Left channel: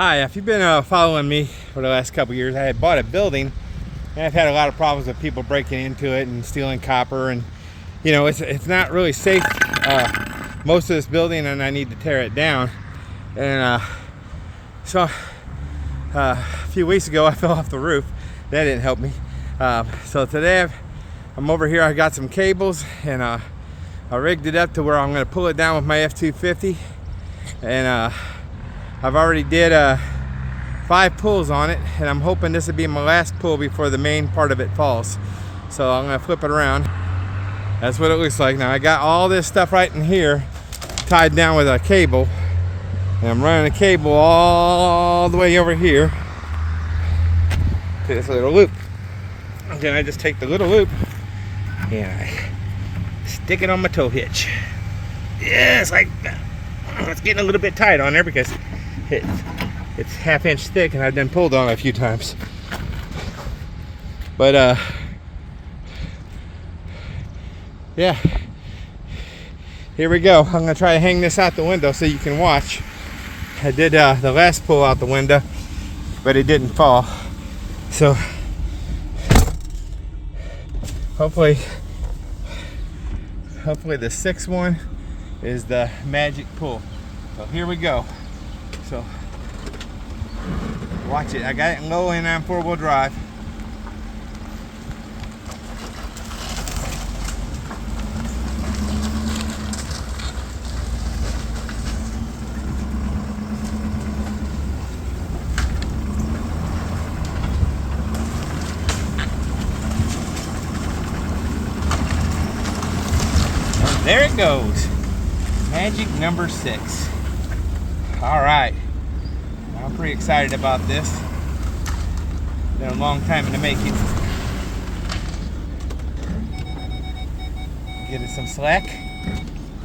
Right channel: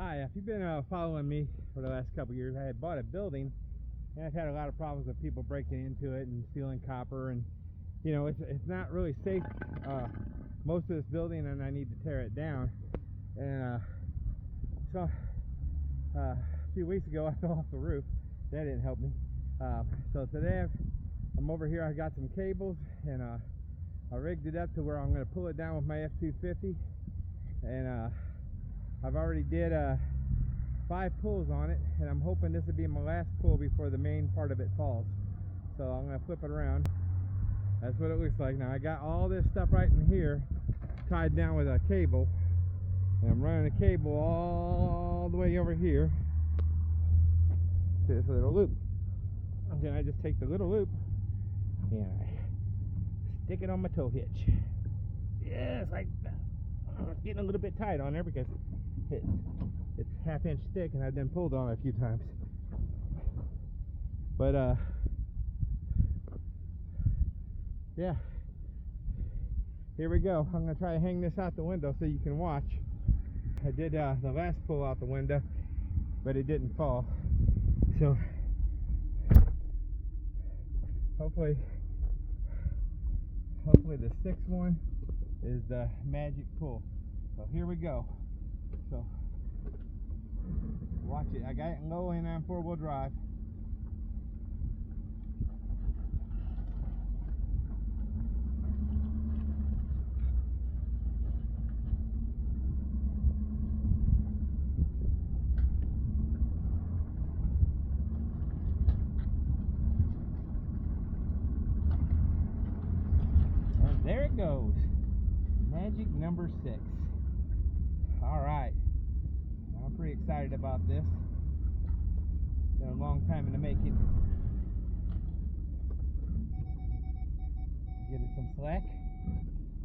Hi, if you've been following me for the last couple years, I had bought a building and I've had a lot of problems with people breaking into it and stealing copper, and you know, it's not really safe, most of this building, and I need to tear it down. And so a few weeks ago I fell off the roof. That didn't help me. So today I'm over here. I got some cables and I rigged it up to where I'm going to pull it down with my F250, and I've already did 5 pulls on it, and I'm hoping this will be my last pull before the main part of it falls. So I'm going to flip it around. That's what it looks like. Now I got all this stuff right in here tied down with a cable, and I'm running a cable all the way over here to this little loop. And then I just take the little loop and I stick it on my tow hitch. Yeah, it's like that. It's getting a little bit tight on there because it's 1/2 inch thick, and I've been pulled on it a few times. But yeah, here we go. I'm gonna try to hang this out the window so you can watch. I did the last pull out the window, but it didn't fall. So hopefully the 6th one is the magic pull. So here we go. So watch it. I got it in low and on 4-wheel drive. And there it goes. Magic number 6. All right. I'm pretty excited about this. Been a long time in the making. Get it some slack,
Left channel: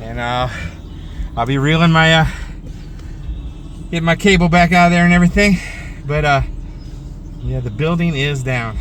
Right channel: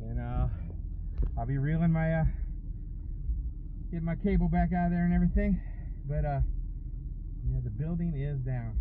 and I'll be reeling my get my cable back out of there and everything. But yeah, the building is down.